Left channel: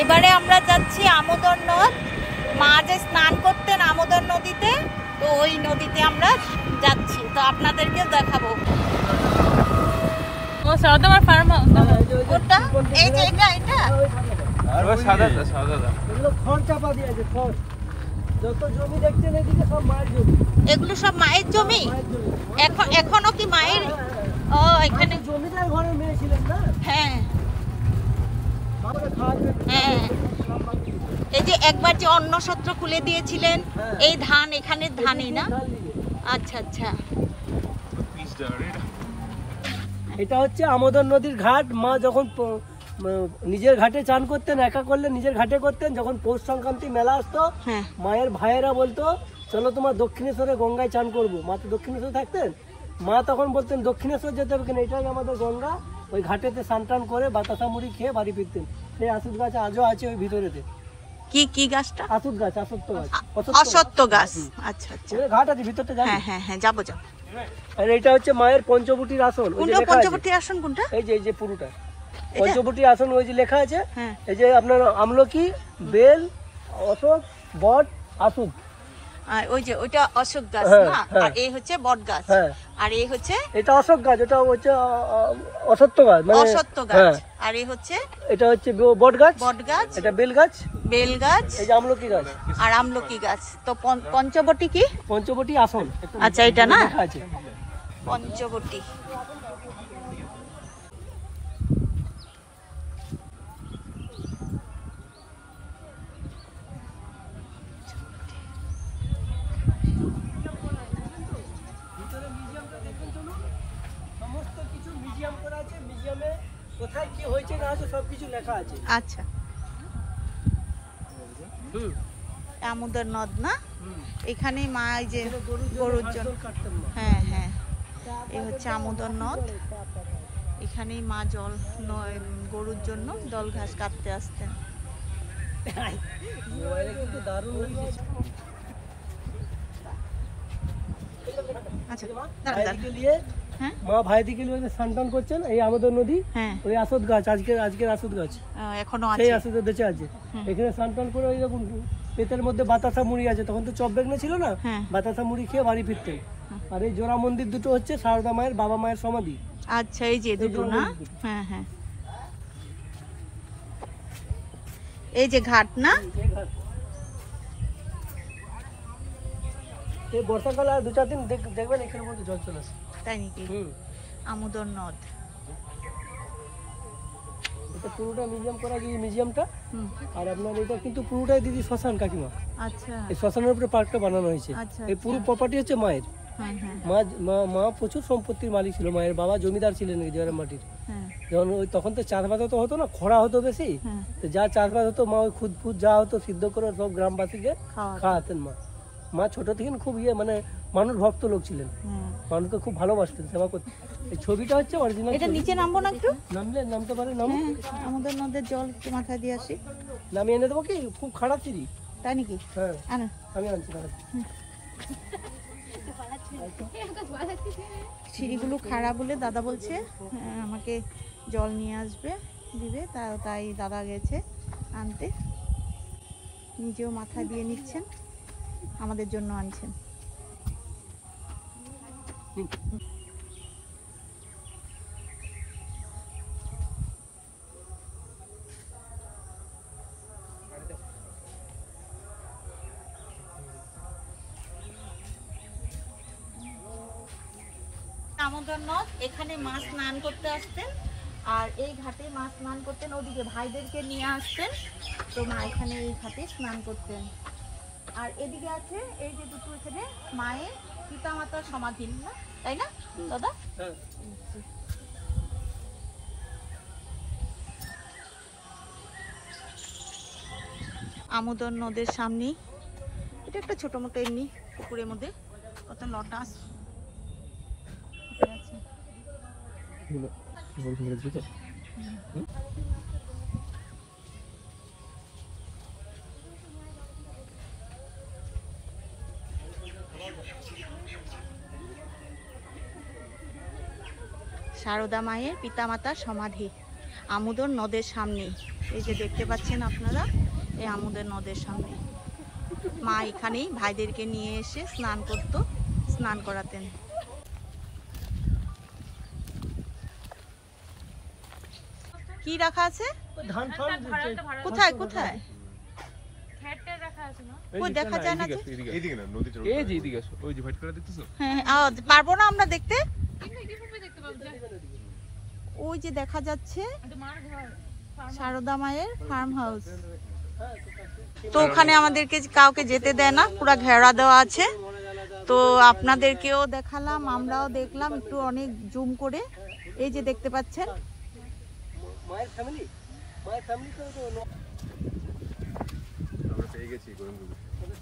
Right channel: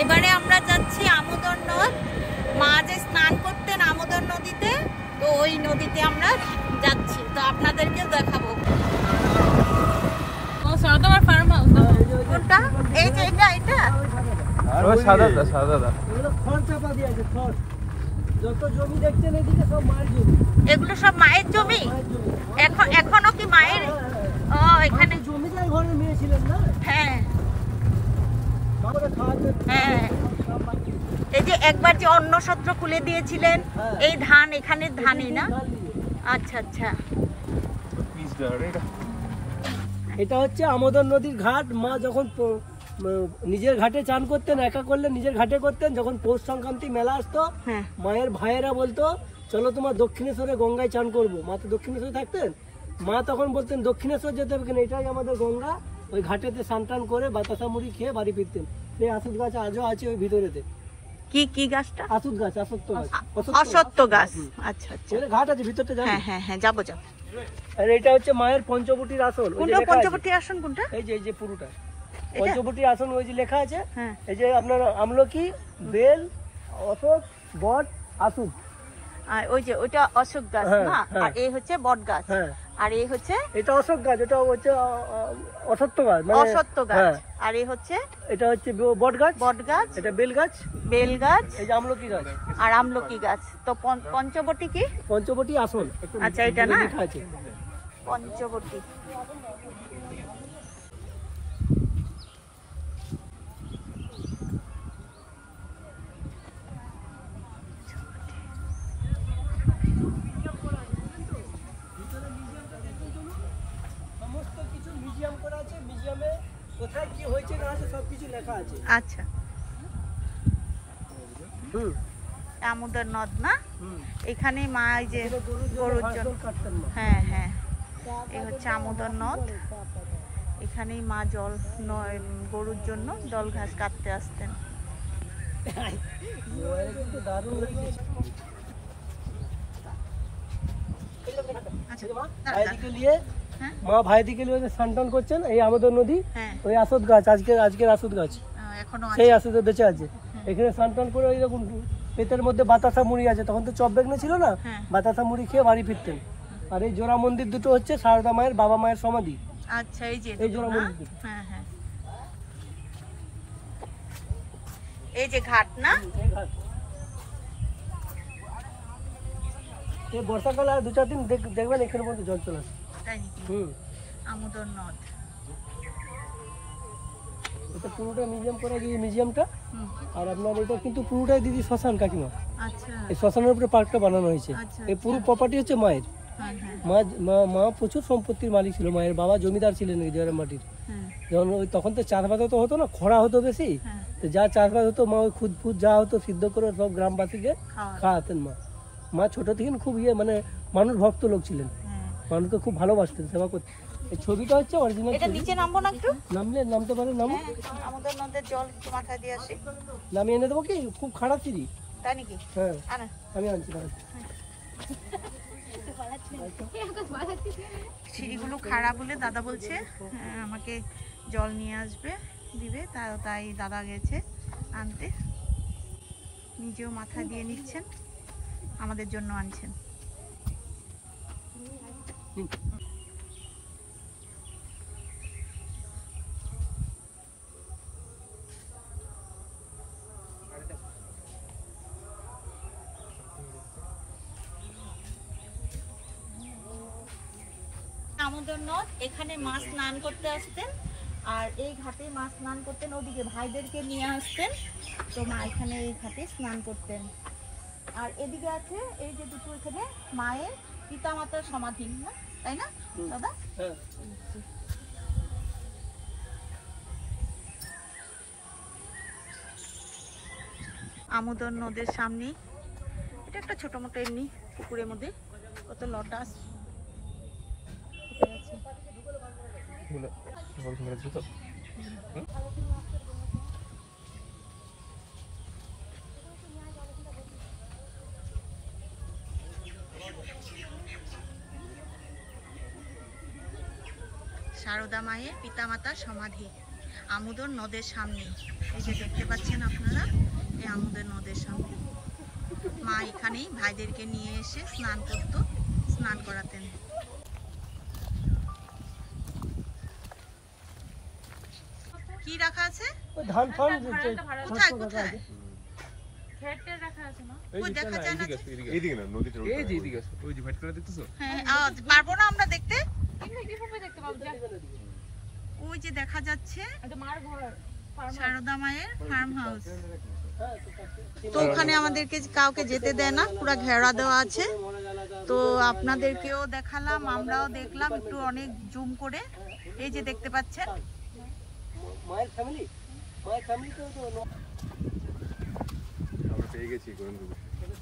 এবারে আমরা যাচ্ছি আমোদর নদ। মা যে স্নান করতেন আমোদর নদীতে, তো ওই নদীতে আমরা যাচ্ছি, তো আপনাদেরকেও দেখাবো। ও সারদামার ফার্ম হাউস কোনটা? এই যে এটা এটা এগুলো সব মায়ের জমি। এখনো কি মায়ের? ও এখানে জমিদার ঘরে মেয়ে ছিলেন না? হ্যাঁ হ্যাঁ, এই যে একবার যে অন্ন সত্র খুলে দিয়েছিলেন, এই ধান এখানে ধানই না? আচ্ছা আচ্ছা। এটা হচ্ছে আমোদর নদীর ঘাট। মা যখন নিজের ঘাটে চান করতেন, একা করলে নিজের ঘাটে করতেন, যখন পৌষ সংক্রান্তি মেলা আসতো মায়ের ভাইয়েরা বলতো চলো তোমার দক্ষিণেশ্বরে গঙ্গায় চান করবো। মা তো দক্ষিণেশ্বরে থাকতেন, মা তখন বলতেন দক্ষিণেশ্বর যেতে হবে কিনা, এটাই আমাদের গঙ্গা। ওই ঘাটেতে স্নান টান করে বাতাসা মুড়ি খেয়ে বাড়ি ফিরতেন। সেই আসুদ গাছ আজও আছে ওই ভিতরেতে। কি কি গাছটা? আসুদ গাছ, অশ্বত্থ গাছ। অশ্বত্থ গাছ, আচ্ছা আচ্ছা। ঘাট আছে ভিতরটা, হ্যাঁ হ্যাঁ হ্যাঁ, যাবো যাবো। আর এটা হচ্ছে মায়ের পঞ্চবটির আসন। কোনটা পঞ্চবটির আসন? কোনটা? এই যে পুরোটা পঞ্চবটির আসন। ওই যে লেখা আছে, এই যে আপনার আমলকি, বেল, অশোক, বট, আসুদ। আর ওই যে ওইটা অশোক গাছ না, আর এই হচ্ছে বট গাছ, আর এই হচ্ছে এটা অশোক গাছ, ওটা হচ্ছে অশ্বত্থ গাছ, অশ্বত্থ গাছ। আর এই হচ্ছে এটা হচ্ছে বট গাছ, বট গাছ। এটা বেল গাছ, বেল গাছ। এই যে আমলকি গাছ, আর আমলকি গাছ। তো পঞ্চবটি কি? পঞ্চবটি আসন। আচ্ছা, এটা না আছে পঞ্চবটি। সমস্ত কিছু মিউজিয়াম করা আছে। মিউজিয়ামে কোথায় কি হয়েছে না আছে সবকিছু লেখা আছে। আচ্ছা, আমোদর নদ না? এখানে মা এই যে গরুর জন্য, হ্যাঁ হ্যাঁ, এই হচ্ছে আমোদর নদ। এখানেই মা জল গরুর জন্য জল ঘাস কাটতে আসতেন। মা ভাইদিকে নিয়ে স্নান টান করছেন এই আমোদর নদী। ওই আসদ গাছ, আজকের আসদ গাছ এখনো সেই আসদ বেঁচে আছে। এখানে স্নান টান করে ওই রকম পেটের মধ্যে বাতাসা মুড়ি আছে, তখন তো চপ বেগনে ছিল না, বাতাসা মুড়ি খেয়ে বাড়ি ফিরতেন। আর এই জোড়া মন্দির দুটো হচ্ছে সারদা মায়ের বাবা মায়ের সমাধি। আচ্ছা, এই যে জোড়া মন্দির। হ্যাঁ হ্যাঁ, এই যে ঘাট না? এই বর্ষাকালে আর 2-4 দিন দেখবেন এখানের মধ্যে জল চলে আসে। তাই নাকি? আমোদর নদ। এটা পুরোটা মিউজিয়াম করা গিয়ে মিউজিয়ামটা। আর আপনার এটা কিন্তু পুরোটাই দিদি শ্মশান কাকিমা। আচ্ছা, এই শ্মশানের উপরে পার্কটা বানানো হয়েছে। এই পুরো প্রপার্টি হচ্ছে মায়ের। মা প্রচুর সম্পত্তির মালিক ছিল। মায়ের বাবা জমিদার ছিলেন এই জয়ের মাটির। যখন তখন তো চাষবাস তো হতো না, খরা হতো বেশি, যা চাষবাস হতো মা ওই খুদ যা হতো সিদ্ধ করে সব গ্রামবাসীকে খাওয়াতেন। মা ছোট থেকে খুব মানে মানুষ ভক্ত লোক ছিলেন, মানুষকে খুব ভালোবাসতেন, সেবা করতেন। এই ছবিটা হচ্ছে অরিজিনাল। এটা নিচে নামবো না একটু? নামতে পারে, নাম আমোদর নদের জল মাথায় দিয়ে আসি। নামিয়ে এনে দেবো কি? খুব খারাপ সিঁড়ি। তাই নাকি? হ্যাঁ, আমি আনছি। সিঁড়িগুলো খারাপ বলে দাদা বলছে আমাকে জল নিয়ে আসবে, দিবে। তাই দাদা গেছে আনতে, নিজেও মাথা দিয়ে নিচ্ছেন, আমাদের জন্য আনছেন। আমোদর নদ, এখানে মা স্নান করতে আসতেন। আর এই ঘাটে মা স্নান করতেন, ওদিকে ভাইদেরকে নিয়ে আসতেন, তো মা এখানে এই ঘাটে স্নান করতেন। আর এদিকে আছে এই যে দুটো এখানে মায়ের পিতা মাতার সমাধি না, তাই না দাদা? আমোদর নদের সামনে এটা একটা ছোট মোটো এমনি পুকুরের মধ্যে কত লটাস আছে। সারদা মায়ের পিতামাতার সমাধি। আমুদর নদের সামনে, এই যে দেখতে পাচ্ছেন আপনারা, এই আমুদের নদের সামনে মা এখানেই ভাইদেরকে নিয়ে এসে স্নান করাতেন। কি রাখা আছে? কোথায় কোথায়? দেখা যায় না যে, পারবো না আমরা দেখতে। ওই যে দেখা যাচ্ছে সারদা মায়ের ফার্ম হাউস। তো ওখানে আমাদেরকে কাউকে যেতে দেয় না, পুরো ঘেরা দেওয়া আছে। তো আপনাদেরকেও দেখালাম, আমরাও দেখলাম একটু অনেক জুম করে। এই যে দেখতে পাচ্ছেন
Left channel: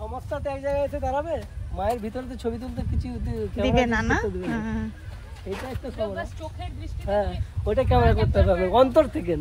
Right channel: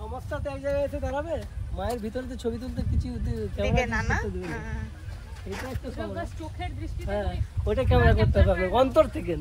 সমস্যা তো এক জায়গায় এসে দাঁড়াবে, মায়ের ভিতরে তো ছবি তুলতে কিছু দিবে না না। এটা একটা সমস্যা। চোখের দৃষ্টি, হ্যাঁ ওটা ক্যামেরা করতে হবে অন্তর থেকে।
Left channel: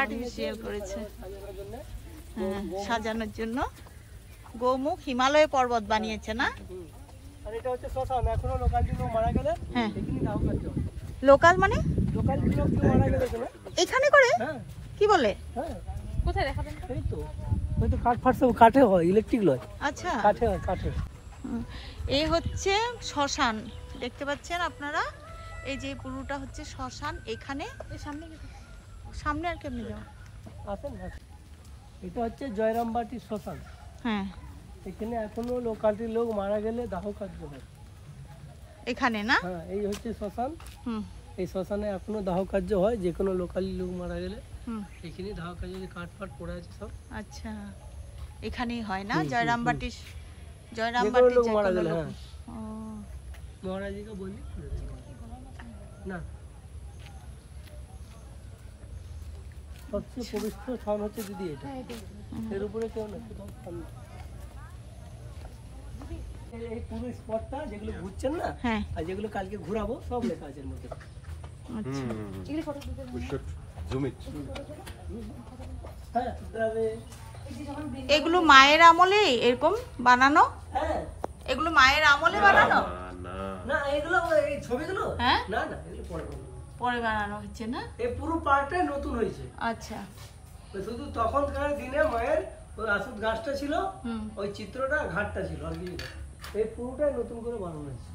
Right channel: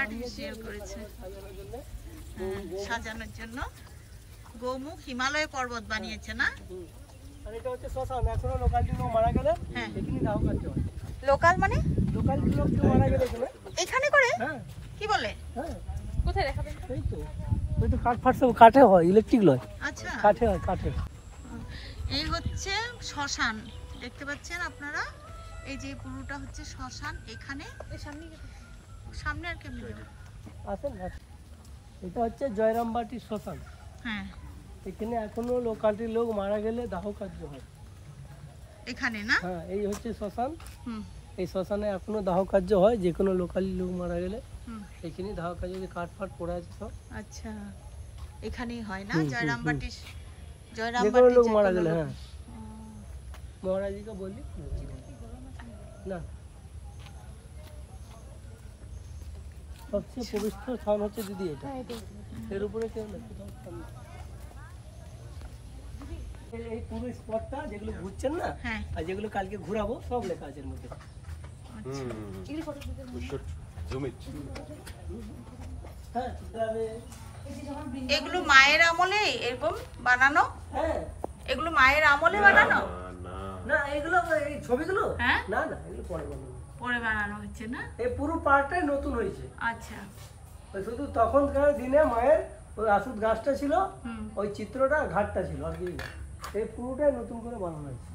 আর্টিফিশিয়াল করেছে সাজানোর জন্য। গোমুখ হিমালয় পর্বত বানিয়েছে না? আর এটা হচ্ছে শ্মশান। এখনো লোকালিটি লোক মারা গেলে এখানে দাহ কার্য হয়। লোকাল মানে লোকালিটি লোক কেউ মারা গেলে এখানে করে? হ্যাঁ। কি বলে? হ্যাঁ কোথায় দেখা যায়? এই তো ওই তো কাঠ ফাট সব কাঠে হয়, ইলেকট্রিক নয়। আচ্ছা কাঠে হয়, কাঠে। এই হচ্ছে শ্মশান, দেখতে পাচ্ছেন আপনারা। এই যে পুরোটা হচ্ছে শ্মশান। এখানে সামনে আর কেমনে যাও আসেন। এটা হচ্ছে জয়রামবাটির শ্মশান। হ্যাঁ, এখানে এখনো লোকালিটির লোক মারা গেলে দাহ কার্য হয় এখানে না? হ্যাঁ, এই হচ্ছে শ্মশান। এই শ্মশানে এখনো দাহ কার্য হয়, যে কোনো লোকালি লোক মারা গেলে এখানে দাহ কার্য, কাঠ ফাট পড়ে আছে সব। আচ্ছা, এখানেই হয় না? জয়রামবাটি যে কোনো লোক। মহারাজকে বলি না, সবচেয়ে পবিত্র স্থান হচ্ছে দিদি এটা। এর উপরে কেউ না। এই পুরো স্পটটা যেগুলো ঘুরছেন না, আর যেগুলো কালকে ঘুরাবো, সব লেখা আছে এর মধ্যে। এগুলো মায়ের আমলে এরকম বানানো? এগুলো মায়ের আমলে বানানো না? এগুলো এই ছবিগুলো হ্যাঁ, না না, এগুলো পরে বানানো হচ্ছে না? এই পুরো পার্কটাই নতুন হয়েছে। আচ্ছা, শুধু তখনকার দিনে মায়ের ওই আসুদ গাছটা ছিল, ওই চিত্রটা ঘাটটা ছিল, আর কি এই পুরোটাই নতুন করে বানানো হয়েছে।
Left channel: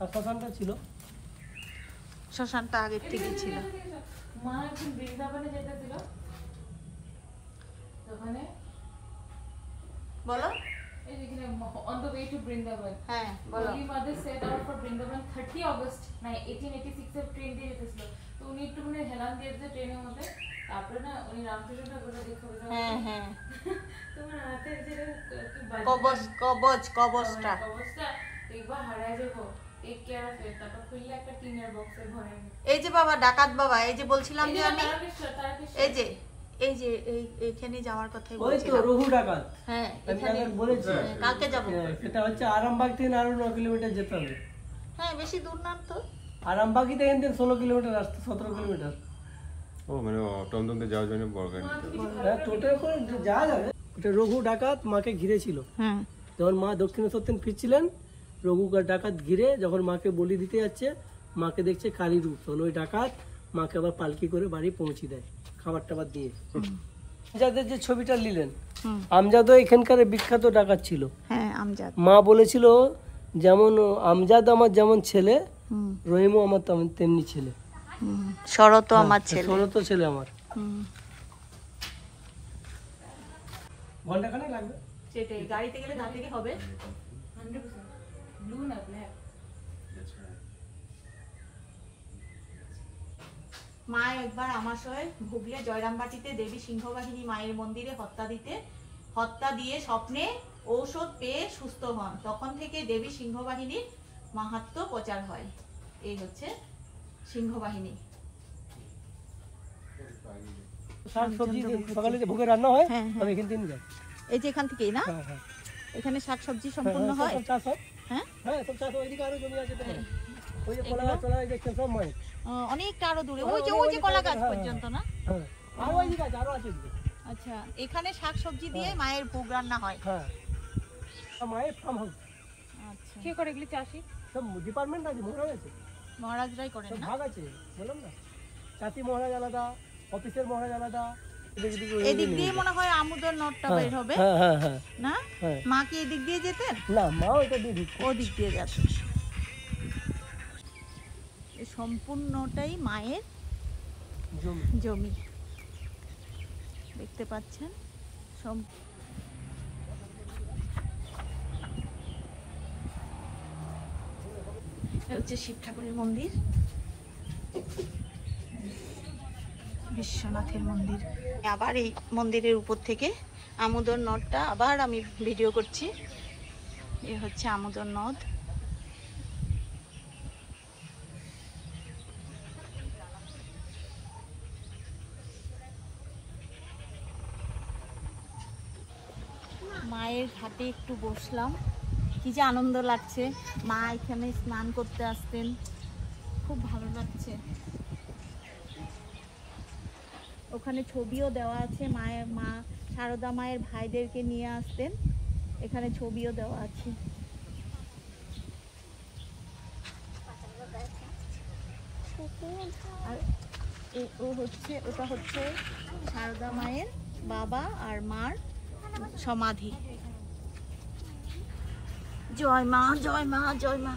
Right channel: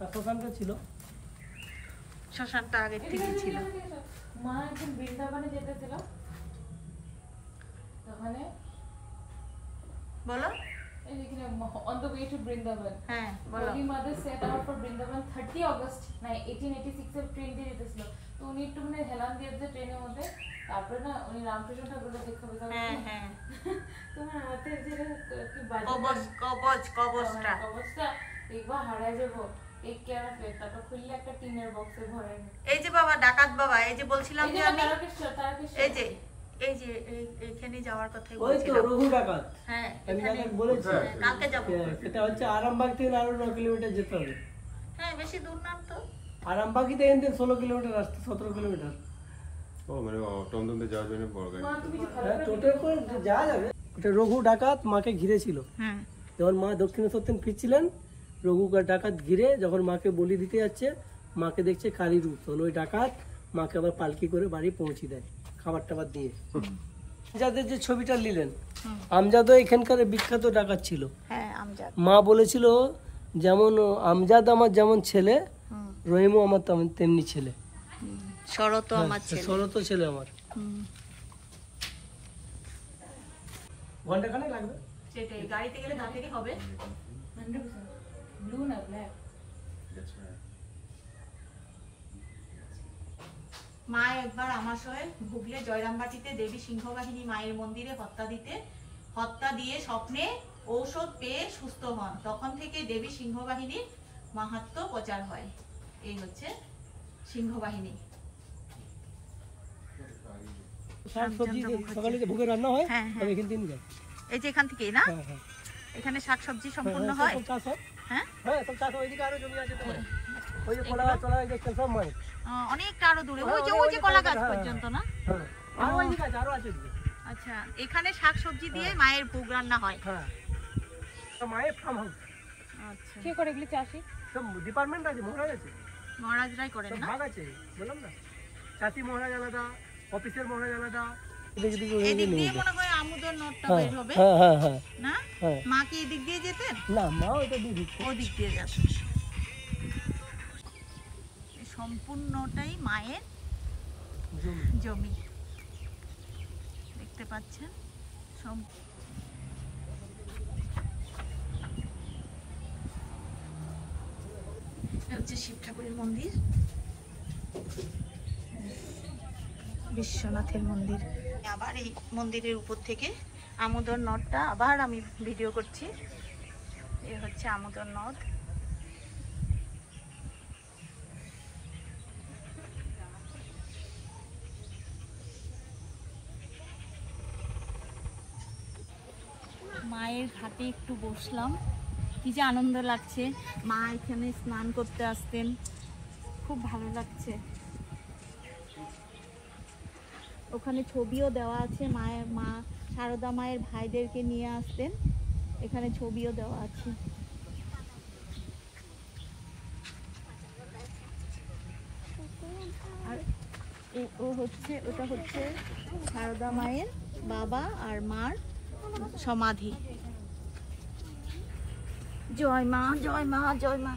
আর শ্মশানটা ছিল, শ্মশানটা আগের থেকে ছিল। মা এখন বৃন্দাবনে যেতে ছিল, ওখানে বলো। on the way to Brindaban. হ্যাঁ বলো। Holy Mother set out for Brindaban 30 August 1886 এর ট্রেন দিয়ে যেতেছিল। তো উনি একটু মানে হেলান দিয়ে যে ট্রেনের মধ্যে, তারপরে না উনি রামকৃষ্ণ ঠাকুরকে দেখতে পেলেন। হ্যাঁ হ্যাঁ, তোমার হাতে যে কবচটা একবার হারায় যাবো। এক কেয়ার অফ ইট। তারপর খুললে একটা টিনের বক্সে ভরে। এই যে বাবা ডাকাত বাবা, এই যে বলছিলাম যে আমি, এই যে এইখানে যাওয়ার কথাই বলছিলাম। ওই তো রঘু ডাকাত। হ্যাঁ, এখানে বলেছি কালকে যাব। এটা হচ্ছে আরামবাগ থেকে আরো 9 কিলোমিটার যেতে হবে। হ্যাঁ, বেশি দূর না তো। আরামবাগই থেকে 16 কিলোমিটার রাস্তা, 17 কিলোমিটার। ও মানে টমটমতে যাওয়ার জন্য বড় গাড়ি। হ্যাঁ, টোটাল করে যাওয়া যাবে। এটা রঘু ডাকাত মাকে ঘিরেছিল। হ্যাঁ, যখন মা দক্ষিণেশ্বর ফিরছিলেন, রঘু ডাকাত ঘিরে যখন মাকে বলি দিতে যাচ্ছে, মাকে দেখছে কালী রূপ, তখন ওই ডাকাত মাকে আবার পালকি করে বাড়ি পৌঁছে দেয় খাবার টাবার দিয়ে। আমজাদের যে ছবিটা নিলেন, আমজাদও এখানকার বিখ্যাত ডাকাত ছিল। হ্যাঁ, আমজাদ। মা বলেছিল যেমন আমজাদ আমার যেমন ছেলে, রহিমও আমার তেমনি ছেলে, শরৎও আমার ছেলে, শরৎও ছেলে আমার। ঘন্টাখানেক লাগবে। সেটাই, গাড়িতে গেলে ঘাট থেকে হবে। ব্লু না ব্ল্যাক। মা একবার আমার সঙ্গে হুগলি জয়রামবাটিতে দেবী সিংহবাহিনী মায়ের মন্দিরে হত্যা দিয়ে স্বপ্নে ঔষধ পেয়ে সুস্থ হন। তখন থেকে দেবী সিংহবাহিনীর মাহাত্ম্য প্রচার হয়। এই হচ্ছে সিংহবাহিনী। শাকসবজি সকালে যে ভোগে রান্না হয়, আমি এখান থেকে যাই। এই যে এখান থেকেই না? এখানে শাকসবজি সম্পূর্ণ হয়। হ্যাঁ, সব চাষ হয়। ওইদিকে আরো জমি আছে তো, ওই যে কলা গাছ দেখছেন সব মায়ের। অনেকটা আরো দূরে, ওই যে কলা গাছ পর্যন্ত না? আরো ওইদিকে আছে, আরো আছে। আচ্ছা, এখানে শাকসবজি দিয়ে মায়ের ভোগ রান্না হয়। হ্যাঁ, মায়ের ফার্ম হাউস। আচ্ছা, কে করে এগুলি চাষি? সব ডিপার্টমেন্ট আছে, মহারাজ আছে, মহারাজরাই করেন সব না? ভাগ আছে, বললাম না, চাষি মহারাজ আলাদা, অফিসের মহারাজ আলাদা। এদিক দিয়ে মনে হয় আমুদর নদটা বের হবে হ্যাঁ হ্যাঁ হ্যাঁ না? হ্যাঁ। মা কি এদিক দিয়ে যেতেন? না, মাও এটা দিয়ে ঢুকতো। ওদিক দিয়ে যেতেন। এই সম্পূর্ণটাই মায়ের জমি। জমি, দেখতে পাচ্ছেন। এটা হচ্ছে শিব ঠাকুরের মন্দির, বিশ্বনাথের মন্দির। আবার এই মন্দিরের উপর থেকে আমোদর নদটা আবার আমি ভিডিও করছি। এ হচ্ছে আমোদর নদ। মায়ের ঘাটে একটু বসলাম, কি যে আনন্দ লাগছে। মা এখানে স্নান করতে আসতেন, খুব ভালো লাগছে। ওখানে ছবিও দেওয়া আছে, মা সারদা মায়ের ভাইদেরকে নিয়ে আসতেন, এখানে ছবিও দেওয়া আছে। আর ওটা হচ্ছে সারদা মায়ের বাবা আর মার সমাধি। জয় মা, জয় মা, জয় মা।